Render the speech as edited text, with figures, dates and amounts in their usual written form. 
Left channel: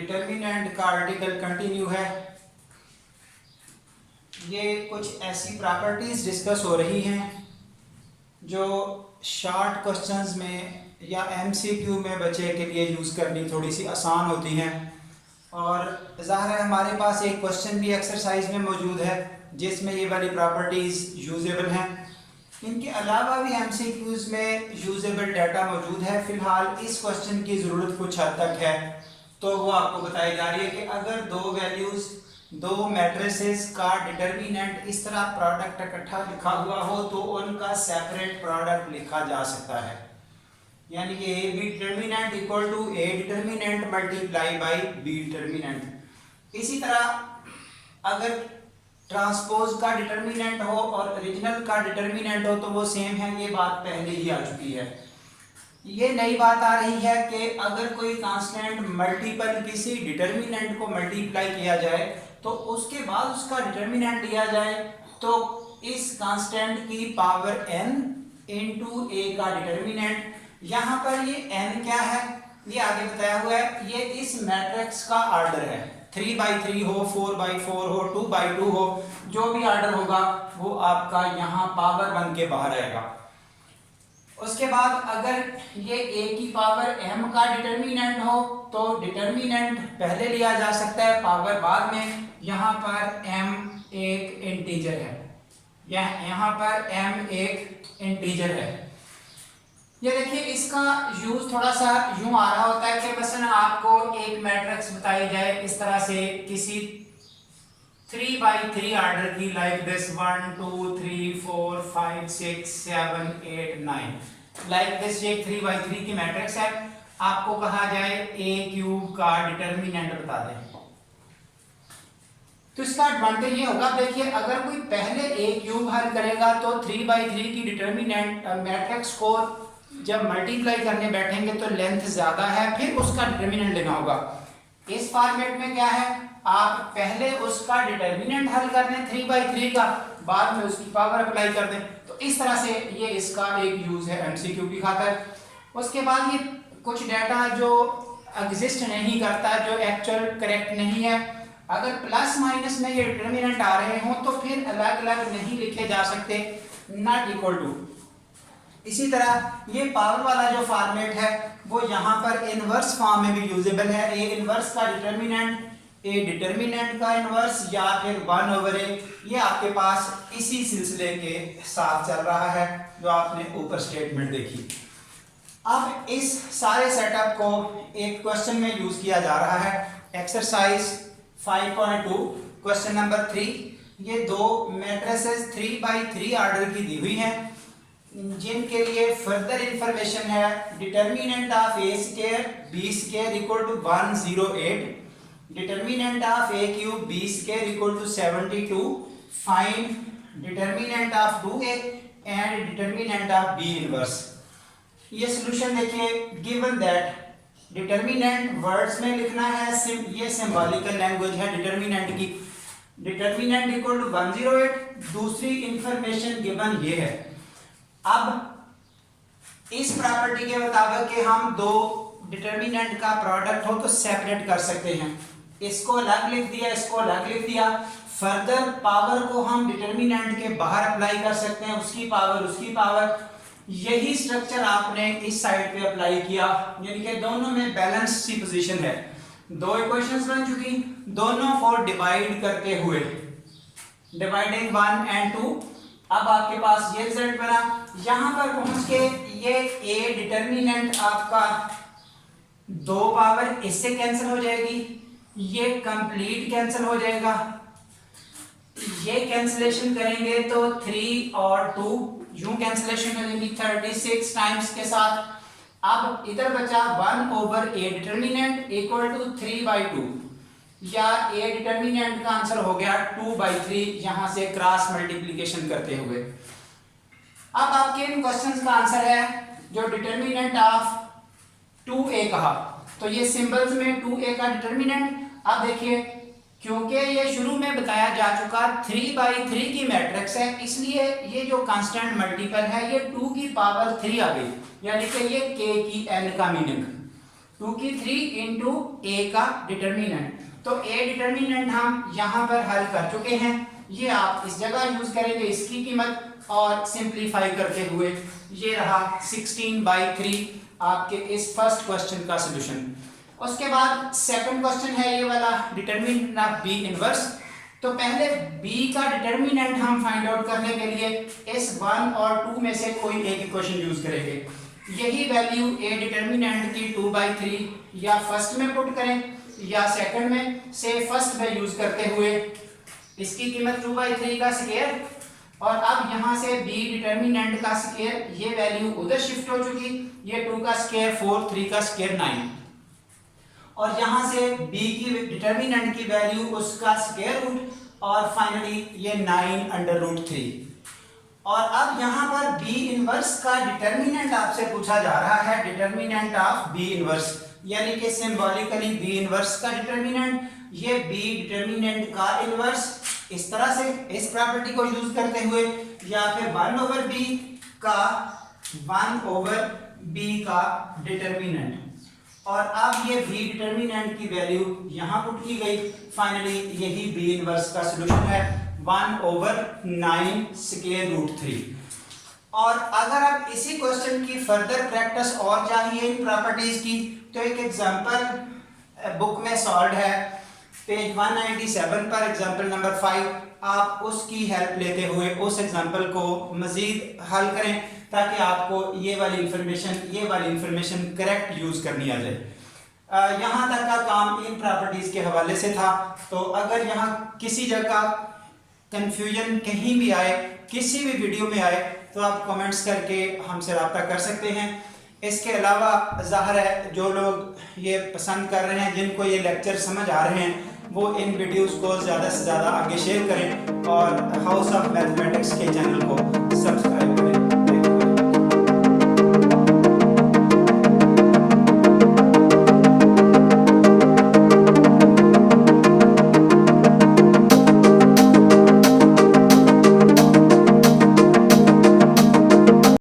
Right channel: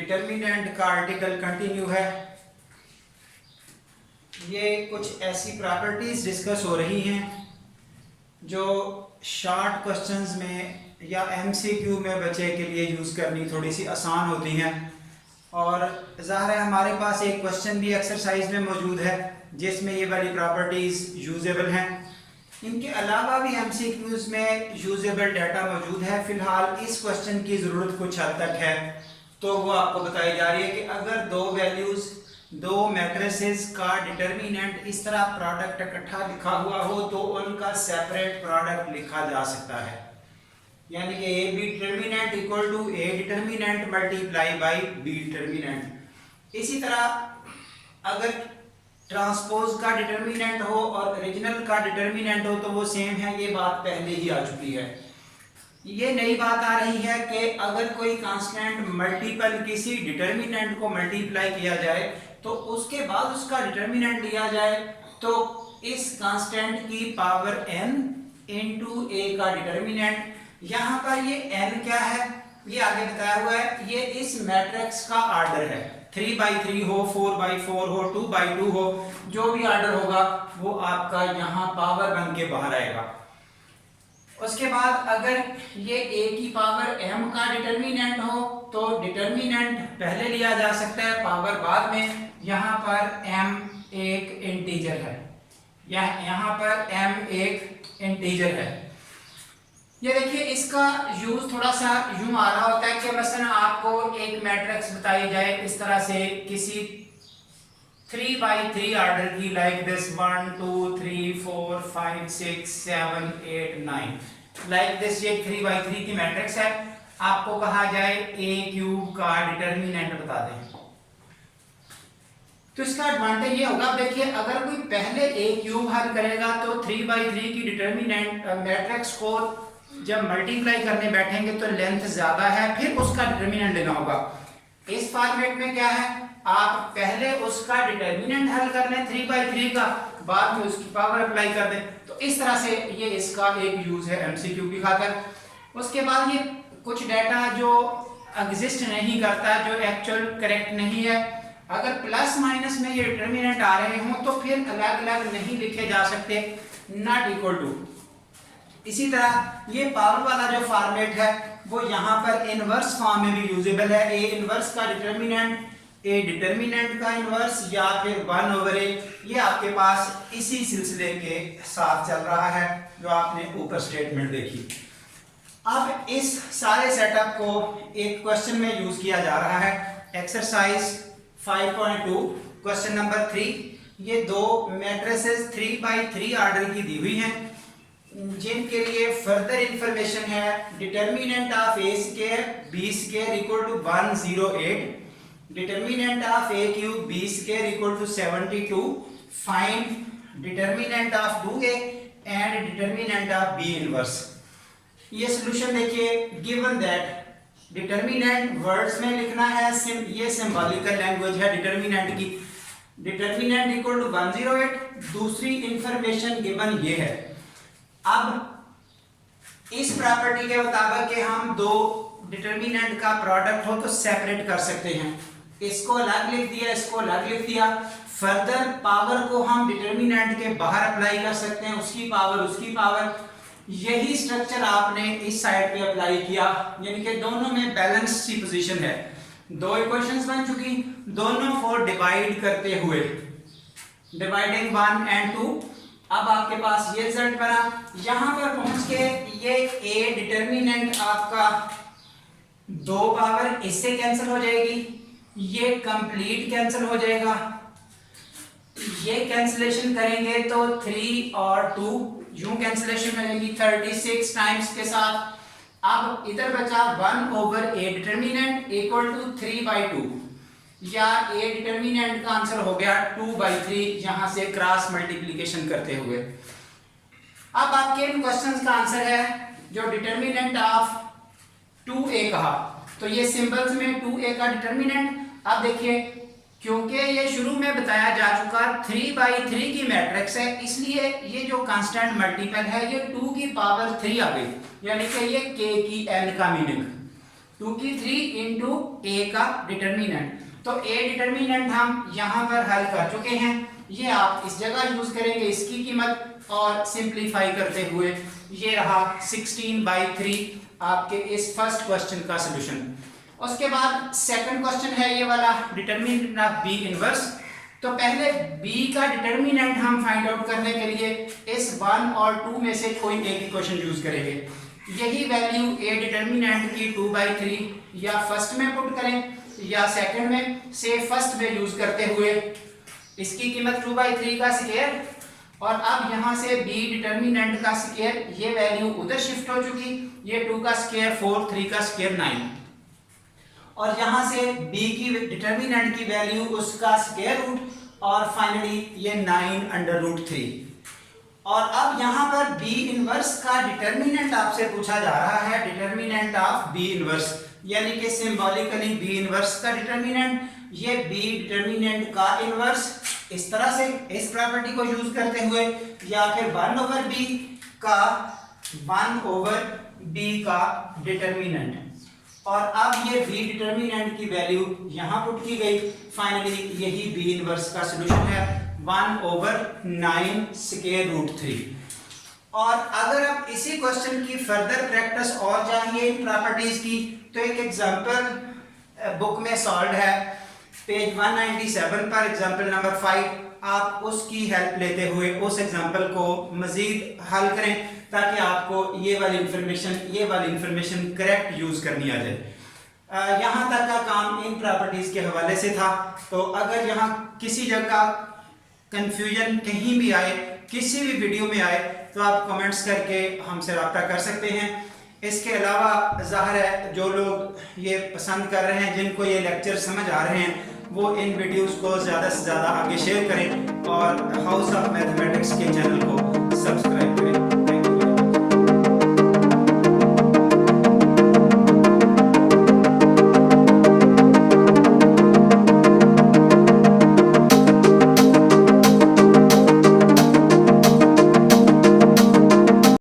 Determinant का article continue है। ये कुछ ऐसी प्रॉपर्टीज डिस्कस हो रही हैं जो शॉर्ट क्वेश्चंस में या एमसीक्यू में बच्चे के लिए यूज़ करनी थोड़ी सी आसान होती हैं। और ज़ाहिर है हमारे पास एक क्वेश्चन भी एक्सरसाइज में मौजूद है जिसमें ये वाली प्रॉपर्टीज़ यूजेबल हैं। इनके अलावा भी एमसीक्यूज़ में यूजेबल डाटा मौजूद है। फ़िलहाल इस क्वेश्चन की ज़रूरत कुछ हद तक है, तो वो आपको बताई जा रही है कि अगर दो वैल्यूज़, दो मैट्रिसेस का डिटर्मिनेंट इस तरह प्रोडक्ट इकट्ठा लिखा हुआ हो तो उनका सेपरेट प्रोडक्ट लिखा जा सकता है। यानी कि A B determinant equal to A determinant multiply by B determinant. इसी तरह अगर ट्रांसपोज का डिटर्मिनेंट हो और ओरिजिनल का डिटर्मिनेंट हो तो वो सेम है। ये बात पहले ही आ चुकी है। ये नई बात आ रही है कि अगर कोई कांस्टेंट मल्टीपल किसी डिटर्मिनेंट को मल्टीप्लाई किया जाए तो उसके बाद उसका डिटर्मिनेंट लिया जाए तो इस कांस्टेंट की पावर n इंटू ए का डिटर्मिनेंट। यहाँ पर ये n क्या है ये आगे बताया हुआ है। ये इस मैट्रिक्स का आर्डर है, 3/3 हो, 4/4 हो, 2/2 हो, जो भी आर्डर होगा वो आपका यहाँ पावर बन के बाहर आएगा। उसके बाद अगर ये a की पावर m का डिटर्मिनेंट हो तो डिटर्मिनेंट पहले लिया जा सकता है, पावर बाद में। यहाँ पर m एक इंटीजर है, यहाँ पर m एक इंटीजर है। ये देखिए इसका यूज थोड़ा सा यूं आ रहा होता है कि मसलन आपको एक मैट्रिक्स बताई जाए इस तरह से किसी 3/3 आर्डर की, लाइक दिस 1 2 3 4 5 6 7 8 9 लाइक दिस। ये 3/3 की मैट्रिक्स है। आपको कहा जाए a क्यूब का डिटर्मिनेंट बता दें तो इसका एडवांटेज ये होगा। देखिए अगर कोई पहले a क्यूब हल करेगा तो 3/3 की डिटर्मिनेंट मैट्रिक्स को जब मल्टीप्लाई करने बैठेंगे तो लेंथ ज्यादा है, फिर उसका डिटर्मिनेंट लेना होगा। इस फॉर्मेट में क्या है, आप पहले उसका डिटर्मिनेंट हल कर लें 3/3 का, बाद में उसकी पावर अप्लाई कर दें। तो इस तरह से ये इसका एक यूज है एमसीक्यू की खातिर। उसके बाद ये कुछ डाटा जो एग्जिस्ट नहीं करता, जो एक्चुअल करेक्ट नहीं है, अगर प्लस माइनस में ये डिटर्मिनेंट आ रहे हों तो फिर अलग अलग नहीं लिखे जा सकते, नॉट इक्वल टू। इसी तरह ये पावर वाला जो फॉर्मेट है वो यहाँ पर इनवर्स फॉर्म में भी यूजेबल है। ए इनवर्स का डिटर्मिनेंट, ए डिटर्मिनेंट का इनवर्स, या फिर 1/a। ये आपके पास इसी सिलसिले के साथ चल रहा है जो आपने ऊपर स्टेटमेंट देखी। अब इस सारे सेटअप को एक क्वेश्चन में यूज किया जा रहा है। Exercise 5.2 question number 3। ये दो मैट्रिसेस 3/3 आर्डर की दी हुई हैं जिनके लिए फर्दर इंफॉर्मेशन है। Determinant of a square b square equal to 108, determinant of a cube b square equal to 72, find determinant of 2a and determinant of b inverse. ये solution देखिए, गिवन दैट डिटर्मिनेंट वर्ड्स में लिखना है, ये symbolical language है determinant की। Determinant equal to 108, दूसरी information given ये है। अब इस प्रॉपर्टी के मुताबिक कि हम दो डिटर्मिनेंट का प्रोडक्ट हो तो सेपरेट कर सकते हैं। इसको अलग लिख दिया, इसको अलग लिख दिया। फर्दर पावर को हम डिटर्मिनेंट के बाहर अप्लाई कर सकते हैं, उसकी पावर उसकी पावर। यही स्ट्रक्चर आपने इस साइड पे अप्लाई किया, यानी कि दोनों में बैलेंस सी पोजीशन है। दो इक्वेशंस बन चुकी, दोनों को डिवाइड करते हुए, डिवाइडिंग 1 and 2। अब आपके पास ये रिजल्ट बना। यहां पर पहुंच के ये a डिटर्मिनेंट आपका 2 पावर इससे कैंसिल हो जाएगी, ये कंप्लीट कैंसिल हो जाएगा। ये कैंसिलेशन करेंगे तो 3 और 2 यूं कैंसिलेशन मिलेगी 36 टाइम्स के साथ। अब इधर बचा 1/a डिटर्मिनेंट इक्वल टू 3/2, या ए डिटर्मिनेंट का आंसर हो गया 2/3 यहां से क्रॉस मल्टीप्लिकेशन करते हुए। अब आपके इन क्वेश्चंस का आंसर है जो डिटर्मिनेंट ऑफ 2a कहा, तो ये सिंबल्स में 2a का डिटर्मिनेंट। अब देखिए क्योंकि ये शुरू में बताया जा चुका 3/3 की मैट्रिक्स है, इसलिए ये जो कांस्टेंट मल्टीपल है ये 2 की पावर 3 आ गई, यानी कि ये k की n का मीनिंग। 2 की 3 इंटू ए का डिटर्मिनेंट। तो ए डिटर्मिनेंट हम यहाँ पर हल कर चुके हैं, ये आप इस जगह यूज करेंगे इसकी कीमत, और सिंप्लीफाई करते हुए ये रहा 16/3 आपके इस फर्स्ट क्वेश्चन का सोल्यूशन। उसके बाद सेकंड क्वेश्चन है ये वाला, डिटर्मिनेंट ऑफ बी इनवर्स। तो पहले बी का डिटर्मिनेंट हम फाइंड आउट करने के लिए इस 1 और 2 में से कोई एक इक्वेशन यूज करेंगे। यही वैल्यू ए डिटर्मिनेंट की 2/3 या फर्स्ट में पुट करें या सेकंड में, से फर्स्ट में यूज करते हुए इसकी कीमत 2/3 का स्क्वायर, और अब यहां से b डिटर्मिनेंट का स्क्वायर, ये वैल्यू उधर शिफ्ट हो चुकी, ये 2 का स्क्वायर 4, 3 का स्क्वायर 9, और यहां से b की डिटर्मिनेंट की वैल्यू उसका स्क्वायर रूट, और फाइनली ये 9/√3। और अब यहां पर b इनवर्स का डिटर्मिनेंट आपसे पूछा जा रहा है, डिटर्मिनेंट ऑफ b इनवर्स, यानी कि सिंबॉलिकली b इनवर्स का डिटर्मिनेंट, ये b डिटर्मिनेंट का इनवर्स इस तरह से, इस प्रॉपर्टी को यूज करते हुए, या फिर 1/b का 1/b का डिटर्मिनेंट, और अब ये b डिटर्मिनेंट की वैल्यू यहां पुट की गई, फाइनली यही b इनवर्स का सॉल्यूशन है 1/9 स्क्वायर रूट 3। और अगर आप इसी क्वेश्चन की फर्दर प्रैक्टिस और चाहिए इन प्रॉपर्टीज की, तो एक एग्जांपल बुक में सॉल्व है पेज 197 पर, एग्जांपल नंबर 5, आप उसकी हेल्प लेते हुए उस एग्जांपल को मजीद हल करें, ताकि आपको ये वाली इंफॉर्मेशन करेक्ट यूज करनी आ जाए। यहाँ तक का काम इन प्रॉपर्टीज के हवाले से था। तो अगर यहाँ किसी जगह कंफ्यूजन कहीं भी आए, किसी भी वीडियो में आए, तो आप कमेंट्स करके हमसे रब्ता कर सकते हैं। इसके अलावा ज़ाहिर है जो लोग ये पसंद कर रहे हैं, जिनको ये लेक्चर समझ आ रहे हैं, वो इन वीडियोस को ज़्यादा से ज़्यादा आगे शेयर करें और हाउस ऑफ मैथमेटिक्स के चैनल को